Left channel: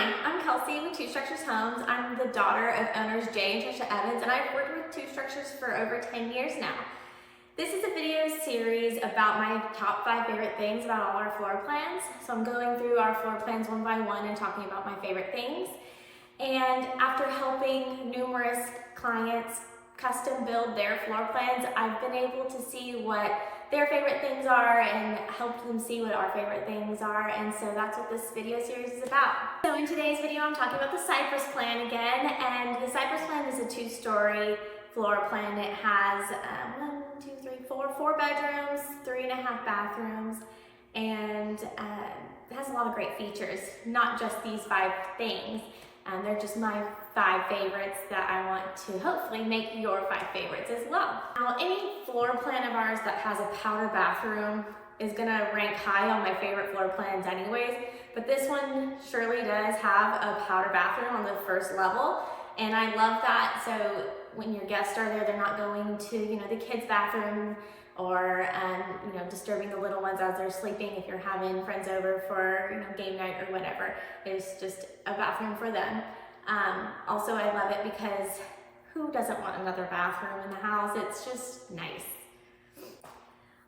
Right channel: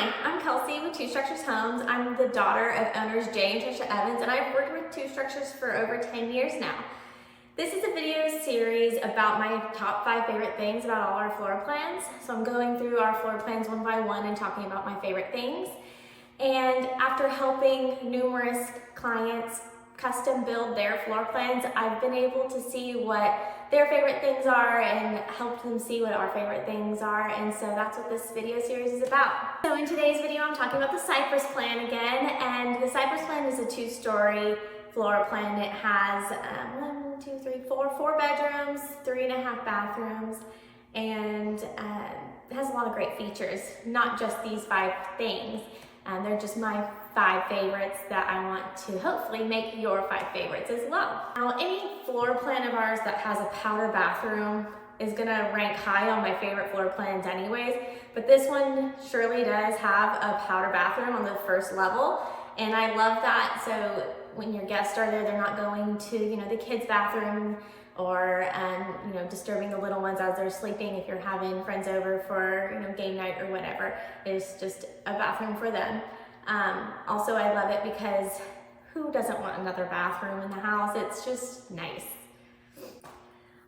Hi, I'm Kelsey with Two Structures Homes. I'm the daughter of owners Jay and Trisha Evans, and I've worked with Two Structures for over 10 years now. This is a video series about my top 5 favorite things about all our floor plans. So I'm going through our floor plans one by one and talking about my favorite things. And after helping numerous clients custom build their floor plans, I've been able to see what their favorite things are and help them see what our favorite things are, and so that's what this video series is about. So in today's video, I'm talking about the Cypress plan again, and the Cypress plan is a 2-story floor plan. It has 4 bedrooms, 3.5 bathrooms, and it has a lot of great features, not just these 5 things. They're just my 5 favorites that I want to hopefully make your 5 favorites as well. Now, any floor plan of ours that has a powder bathroom is gonna rank high on my favorite floor plans anyways, but this one surely does have a powder bathroom on the first level, and I love that. So when your guests are there, they're not going to, the kids' bathroom or disturbing the little ones as they're sleeping. If you're having friends over for game night or whatever, it's just a bathroom for them. Also, I love it because who doesn't want another bathroom in the house? It's just nice.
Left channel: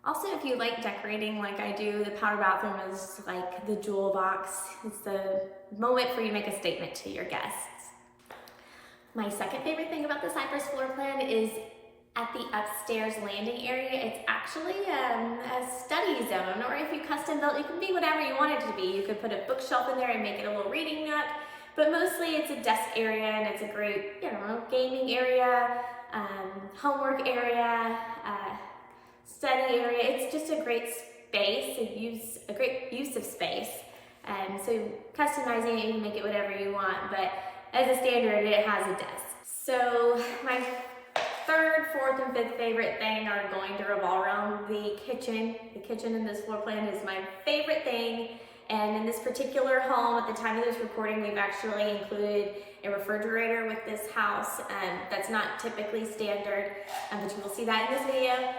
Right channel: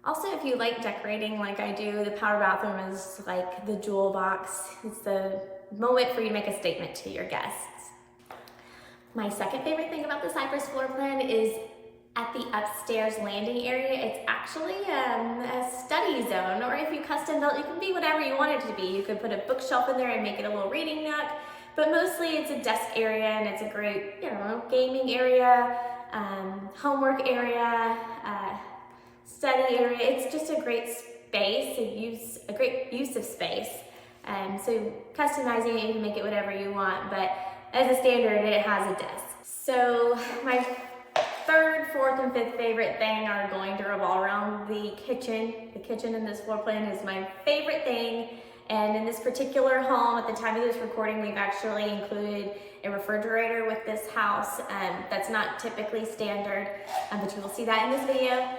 Also, if you like decorating like I do, the powder bathroom is like the jewel box. It's the moment for you to make a statement to your guests. My second favorite thing about the Cypress floor plan is at the upstairs landing area. It's actually a study zone, or if you custom built, it can be whatever you want it to be. You could put a bookshelf in there and make it a little reading nook, but mostly it's a desk area, and it's a great, gaming area, homework area, study area. It's just a great space, a great use of space. So customizing it, you can make it whatever you want, but as a standard, it has a desk. So my third, fourth, and fifth favorite thing are going to revolve around the kitchen. The kitchen in this floor plan is my favorite thing. And in this particular home, at the time of this recording, we've actually included a refrigerator with this house. That's not typically standard, but you will see that in this video.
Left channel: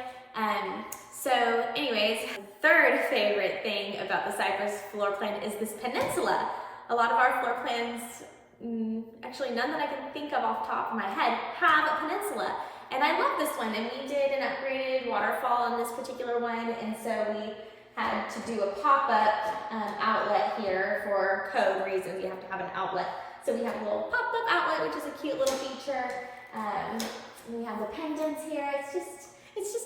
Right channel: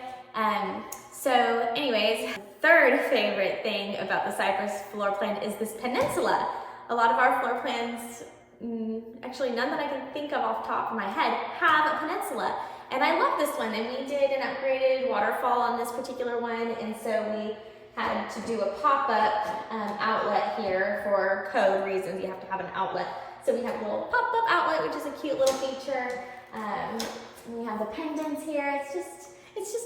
So anyways, the third favorite thing about the Cypress floor plan is this peninsula. A lot of our floor plans, actually none that I can think of off the top of my head, have a peninsula. And I love this one, and we did an upgraded waterfall on this particular one, and so we had to do a pop-up outlet here for code reasons. You have to have an outlet. So we have a little pop-up outlet, which is a cute little feature. We have the pendants here. It's just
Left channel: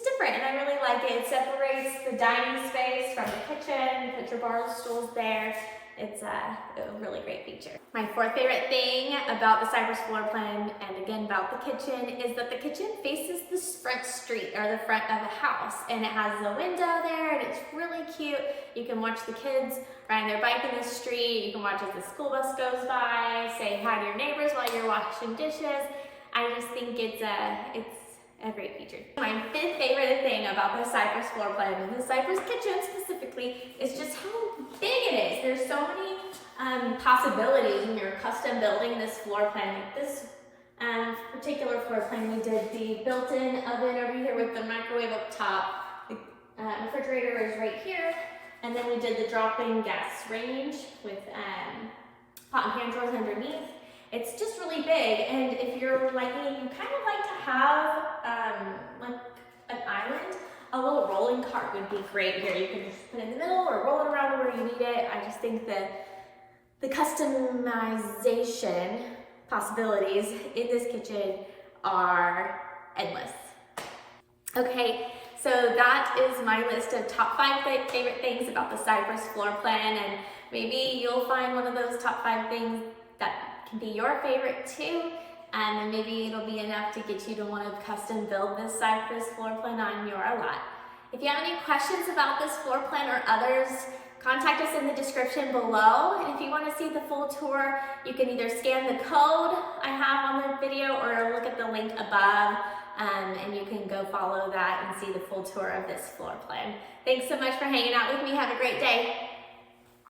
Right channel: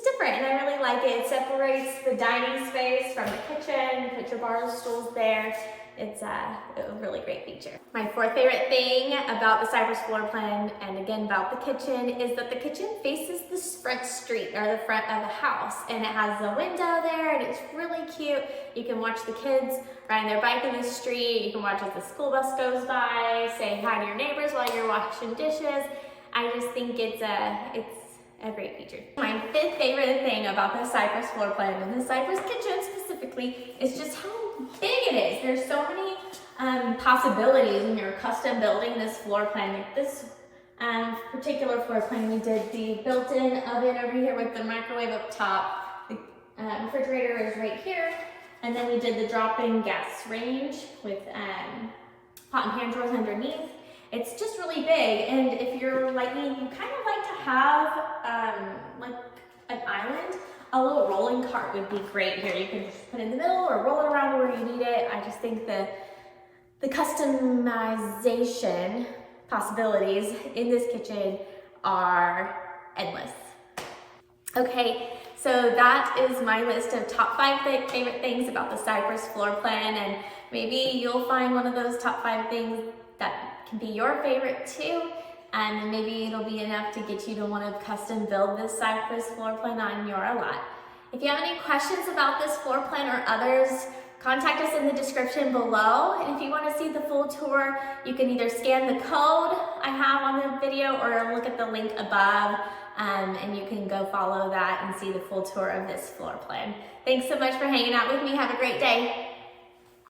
different, and I really like it. It separates the dining space from the kitchen. You put your bar stools there. It's a really great feature. My fourth favorite thing about the Cypress floor plan, and again about the kitchen, is that the kitchen faces the front street, or the front of the house, and it has a window there, and it's really cute. You can watch the kids riding their bike in the street. You can watch as the school bus goes by, say hi to your neighbors while you're washing dishes. I just think it's a great feature. My fifth favorite thing about the Cypress floor plan, and the Cypress kitchen specifically, is just how big it is. There's so many possibilities when you're custom building this floor plan. Like this particular floor plan, we did the built-in oven over here with the microwave up top. The refrigerator is right here. And then we did the drop-in gas range with pot and pan drawers underneath. It's just really big, and if you're like me, you kind of like to have like an island. A little rolling cart would be great here. You can just put it in the middle or roll it around where you need it. I just think the customization possibilities in this kitchen are endless. Okay, so that is my list of top 5 favorite things about the Cypress floor plan, and maybe you'll find one of those top 5 things that can be your favorite too, and maybe it'll be enough to get you to want to custom build this Cypress floor plan on your lot. If you have any questions about this floor plan or others, contact us in the description below. And if you want to see the full tour, you can either scan the code I have on the video or look at the link above, and you can go follow that and see the full tour of this floor plan. Thanks so much for hanging out with me. Have a great day.